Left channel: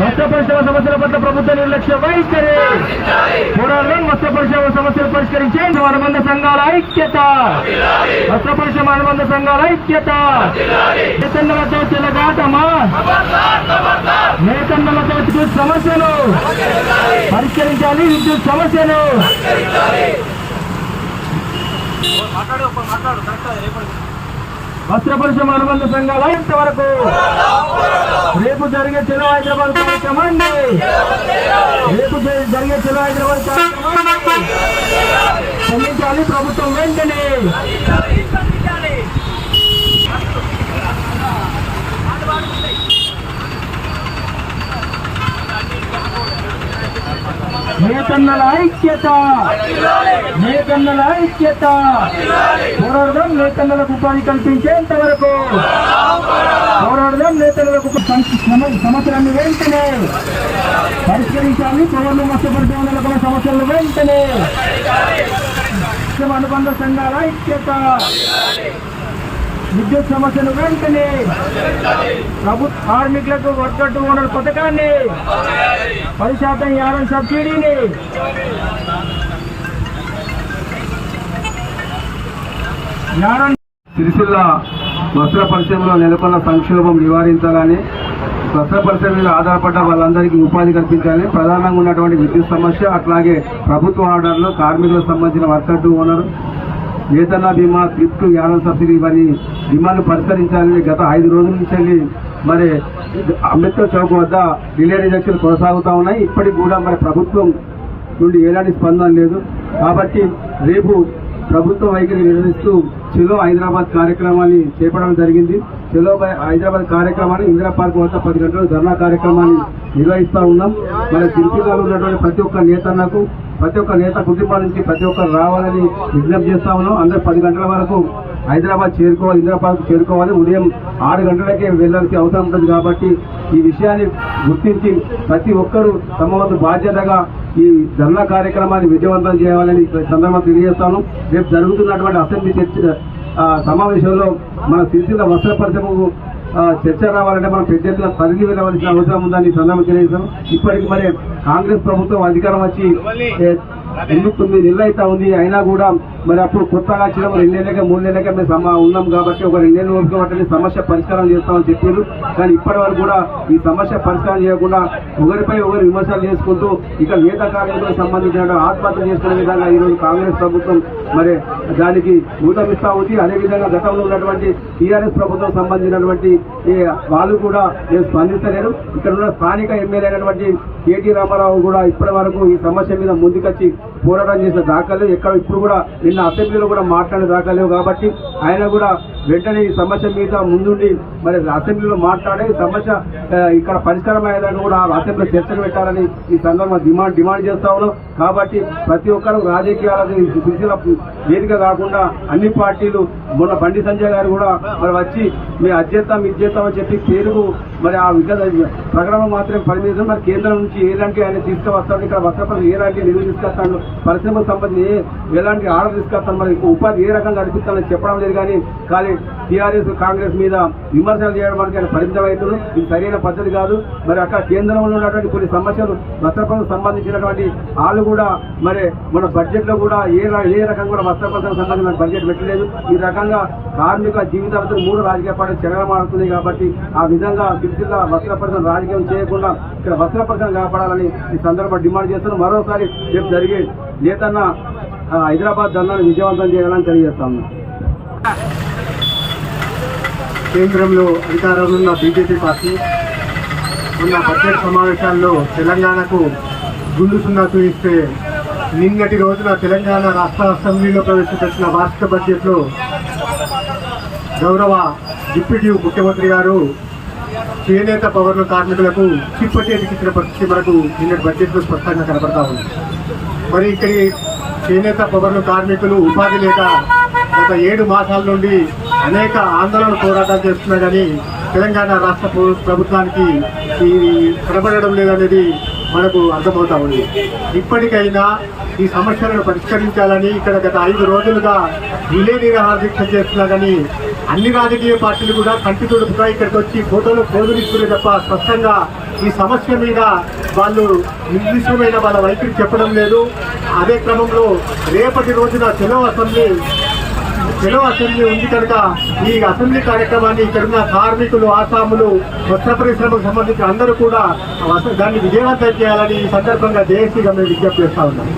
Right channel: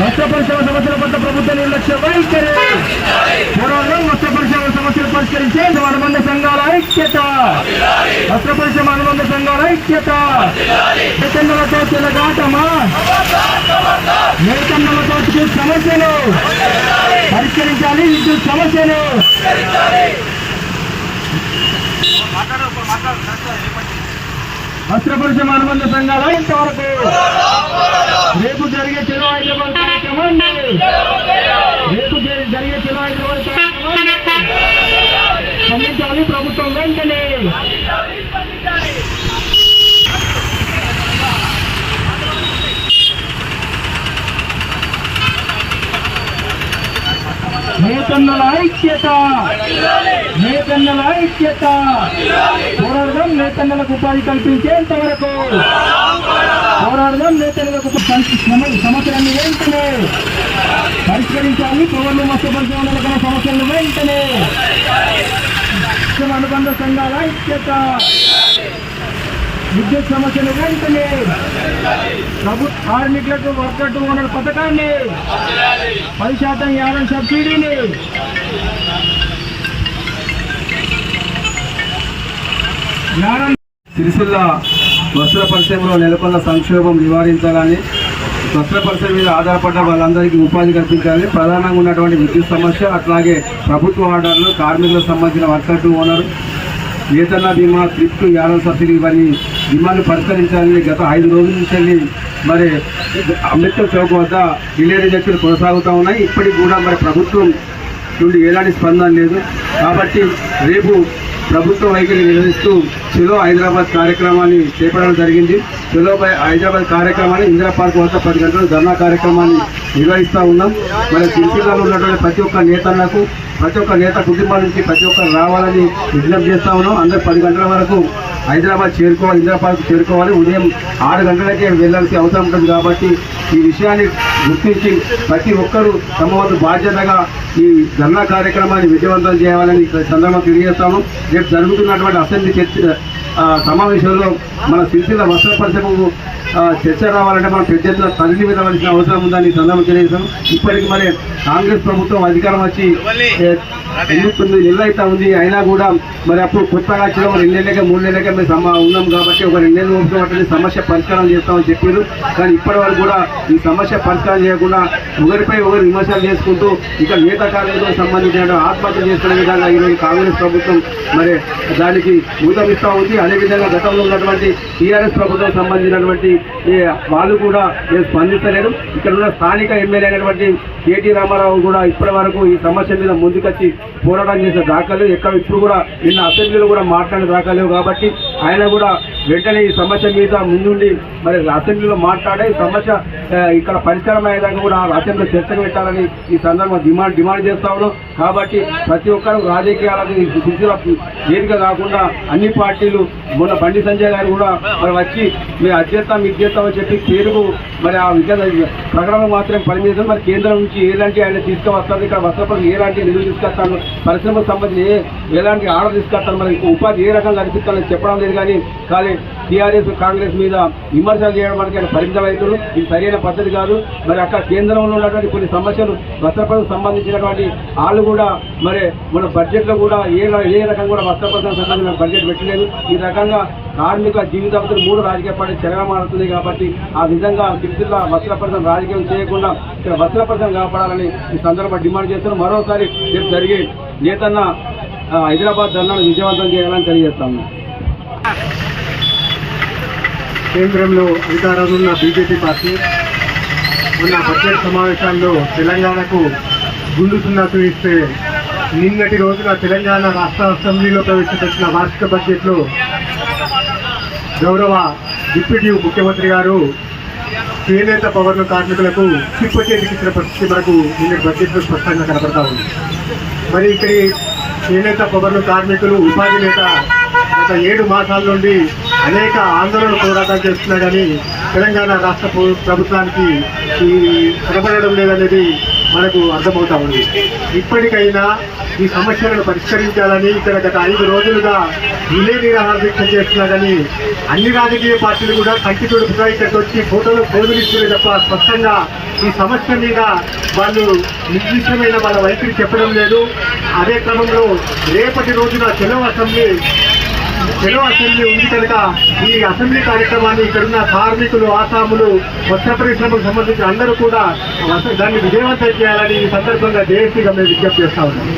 వస్త్ర పరిశ్రమ సమస్యల పట్ల ప్రభుత్వ నిర్లక్ష్య వైఖరి. పోరాటం వస్త్ర పరిశ్రమ సమస్యలు పరిష్కరించే అనుబంధ సంఘాల ఐక్యత. వస్త్ర పరిశ్రమ అనుబంధ సంఘాల ఐక్యత. వేతనాలతో చెలగాటమా వేతనాలతో విద్యుత్ సమస్యలు. పరిష్కరించాలి విద్యుత్ సమస్యలు. వస్త్ర పరిశ్రమ అనుబంధ సంఘాల ఇంతవరకు? రేపు జరిగే చెలో హైదరాబాద్ కార్యక్రమాన్ని రేపు జరి- జరిగే చెలో హైదరాబాద్ కార్యక్రమాన్ని స్పందించాలి ప్రభుత్వం వెంటనే. నేతన్నల ఐక్యత నేతన్నల ఐక్యత పోరాడదాం నేతన్నలకు ఉపాధి కల్పించేంత వరకు. పోరాడదాం నేతన్నలకు ఉప- సమస్యలన్నీ వెంటనే. పరిష్కరించాలి పౌరులు మత్స్యపరిశ్రమలకు సమస్యలను వెంటనే. అనుబంధ సంఘాల ఐక్యత. విద్యుత్ సమస్యలు వెంటనే ప్రభుత్వ కార్మికులకు వర్కట్టు ఓనర్ పథకాన్ని పది శాతం యాభై సబ్సిడీని యానం సిరిసిల్ల వస్త్ర పరిశ్రమలో నెలకొన్న సంక్షోభం నివారించాలని వస్త్ర పరిశ్రమ మీద ఆధారపడ్డ వాళ్ళందరికీ ఉపాధి కల్పించాలని ప్రధానంగా ఉన్నటువంటి విద్యుత్ సమస్య అట్లాగే ప్రభుత్వ ఆర్డర్లు కార్మికులకు సంబంధించిన వర్కర్ టు ఓనర్ వేతన బీమా థ్రిఫ్ట్ యానం సబ్సిడీ ఇవన్నీ డిమాండ్లు పరిష్కరించాలని గత ఐదు రోజుల నుంచి మరి అంబేద్కర్ చౌక్ వద్ద రిలే రిజెక్షన్ కొనసాగుతూ ఉన్నాయి. ఇప్పటికి కూడా మరి ప్రభుత్వం నుండి ఎలాంటి స్పందన లేదు. కాబట్టి రేపు ప్రభుత్వం వైఖరి నిర్వహిస్తూ చిలో హైదరాబాద్ కార్యక్రమాన్ని చేపట్టడం జరిగింది. చిలో హైదరాబాద్ కార్యక్రమాన్ని ఇందిరా పార్క్ వద్ద పది గంటలు ధర్నా కార్యక్రమాన్ని నిర్వహిస్తూ ఉన్నాం. మరి సిరిసిల్లాలో ఉన్నటువంటి ప్రతి ఒక్క నేతలకు ప్రతి ఒక్క నేత కుటుంబాల నుంచి ప్రతి ఒక్కరు రావాలని విజ్ఞప్తి చేస్తా ఉన్నాం. అందరు పది గంటల వరకు హైదరాబాద్ చేరుకోవాలి ఇందిరా పార్క్ చేరుకోవాలి. ఉదయం ఆరు గంటలకే వెళ్ళాల్సిన అవసరం ఉంటుంది కాబట్టి ఈ విషయాన్ని గుర్తించి ప్రతి ఒక్కరూ తమ వంతు బాధ్యతగా ఈ ధర్నా కార్యక్రమాన్ని విజయవంతం చేయాలని సందర్భంగా తెలియజేస్తాను రేపు జరుగుతున్నటువంటి అసెంబ్లీ చర్చ సమావేశంలో మన సిరిసిల్ల వస్త్ర పరిశ్రమకు చర్చ రావాలంటే మనం పెద్ద ఎత్తున తరలి వెళ్ళవలసిన అవసరం ఉందని సందర్భం తెలియజేశాం ఇప్పటికి మరి కాంగ్రెస్ ప్రభుత్వం అధికారం వచ్చి ఎనిమిది తొమ్మిది నెలలు అయితే ఉంది. అయినా కూడా మరి అప్పుడు కొత్తగా వచ్చిన రెండు నెలలకే మూడు నెలలకే మేము సమ ఉన్నాం కాబట్టి ఒక రెండు నెలలు ఓపిక సమస్య పరిష్కారం చేస్తామని చెప్పారు. కానీ ఇప్పటి వరకు కూడా ఈ సమస్య పరిష్కారం చేయకుండా ఒకరిపై ఒకరు విమర్శలు చేసుకుంటూ ఇక నేత కార్మికులకు సంబంధించిన ఆత్మహత్య చేసుకునే విధంగా ఈరోజు కాంగ్రెస్ ప్రభుత్వం మరి దానికి ఊతమిస్తా ఉంది. అదేవిధంగా గతంలో ఉన్నటువంటి టీఆర్ఎస్ ప్రభుత్వం సంబంధించినటువంటి వాళ్ళు కూడా నేను స్పందిస్తలేదు ఇక్కడ ఉన్న స్థానిక ఎమ్మెల్యే అయినటువంటి కేటీ రామారావు కూడా ఇప్పటి వరకు ఈ సమస్య మీద ముందుకొచ్చి పోరాటం చేసే దాఖలు. ఎక్కడ ఇప్పుడు కూడా నిన్న అసెంబ్లీలో కూడా మాట్లాడిన లేవు కాబట్టి ఆయన కూడా వెంటనే ఈ సమస్య మీద ముందుండి మరి అసెంబ్లీలో మాట్లాడే ఈ సమస్య ఇక్కడ పరిష్కారం అయ్యేదాకా కూడా అసెంబ్లీలో చర్చకు పెట్టాలని ఈ సందర్భంగా డిమాండ్ డిమాండ్ చేస్తా ఉన్నాం. కాబట్టి ప్రతి ఒక్కరు రాజకీయాలకు ఈ వేదిక కాకుండా అన్ని పార్టీలు మొన్న బండి సంజయ్ గారు కూడా మరి వచ్చి మీరు అధ్యత్తం ఇది చేస్తామని చెప్పి పేరుకు మరి ఆ విధంగా ప్రకటన మాత్రం పరిమితం మరి కేంద్రం నుంచి ఎలాంటి ఆయన తీసుకువస్తారు ఇక్కడ వస్త్రపరి ఎలాంటి నిధులు తీసుకొస్తాను పరిశ్రమకు సంబంధించి ఎలాంటి ఆర్డర్ తీసుకొస్తాను మరి ఉపాధి ఏ రకంగా కల్పిస్తానని చెప్పడం లేదు. కానీ కానీ టీఆర్ఎస్ కాంగ్రెస్ మీద విమర్శలు చేయడం వరకు ఆయన పరిమితం ఇది సరైన పద్ధతి కాదు. మరి అక్కడ కేంద్రంలో ఉన్నటువంటి కొన్ని సమస్యలు వస్త్రపరకు సంబంధించినటువంటి వాళ్ళు కూడా మరి మన బడ్జెట్లో కూడా ఏ ఏ రకంగా కూడా వస్త్రపరకు సంబంధించిన బడ్జెట్ పెట్టలేదు. ఈ రకంగా కార్మిక జీవితాలతో మూడు రాజకీయ పార్టీలు చెరగమారుతుంది కాబట్టి ఆ విధంగా సిరిసిల్ల వస్త్రపరిశ్రమ రాజకీయం చేయకుండా ఇక్కడ వస్త్రపరిశ్రమ కాపాడాలని ఈ సందర్భంగా డిమాండ్ చేస్తున్నాం. మరోసారి రేపు జరిగే నేతన్న హైదరాబాద్ ధర్నాను విజయవంతం చేయాలని తెలియజేస్తాము కేంద్రంలో అధికారంలో ఉన్న బీజేపీ పార్టీ ఉన్న బడ్జెట్ సమావేశాల్లో తెలంగాణకు గుండు సున్నా చూపిస్తే నిన్నటి రోజున తెలంగాణ రాష్ట్ర అసెంబ్లీలో ప్రవేశపెట్టిన వార్షిక బడ్జెట్లో గౌరవ డిప్యూటీ ముఖ్యమంత్రి గారు చేనేత పవర్ల కార్మికులకు చిప్ప చేతికి ఇచ్చిన పరిస్థితి మనకు నిన్నటి బడ్జెట్లో స్పష్టంగా కనబడతా ఉంది. మరి ఇక్కడి చేనేత పవర్లు కార్మికులు ఉపాధి లేక గత ఏడు మాసాల నుండి అనేక ఆందోళన పోరాటాలు చేస్తున్నా కానీ తెలంగాణ రాష్ట్ర ప్రభుత్వానికి ఈ కనబడడం లేదనేది మనకు అర్థమవుతా ఉంది. ఇప్పటికైనా ఈ సమస్యలను పరిష్కరించాలని ఇక్కడ గత ఐదు రోజులుగా రిలే నిరాహార దీక్ష చేస్తున్నా కానీ అన్ని రాజకీయ పార్టీలు కూడా కంటి తుడుపుగా ఇక్కడికి వచ్చి ఫోటోలు పోజులు ఇస్తున్నారు తప్ప స్పష్టంగా ఈ సమస్య మీద వాళ్ళు నిర్దిష్టమైన వాళ్ళ వైఖరి చెప్పడం లేదు. అదే క్రమంలో రేపటి రోజున చెలో అసెంబ్లీ చెలో అసెంబ్లీ ఉంది కనుక ఈ అసెంబ్లీ కార్యక్రమాన్ని ఇక్కడున్న కార్మికులు ఆసాములు వస్త్ర పరిశ్రమకు సంబంధించి అందరూ కూడా దాన్ని విజయవంతం చేయాలని ఈ సందర్భంగా జేఏసీగా మేము విజ్ఞప్తి చేస్తా ఉన్నాం.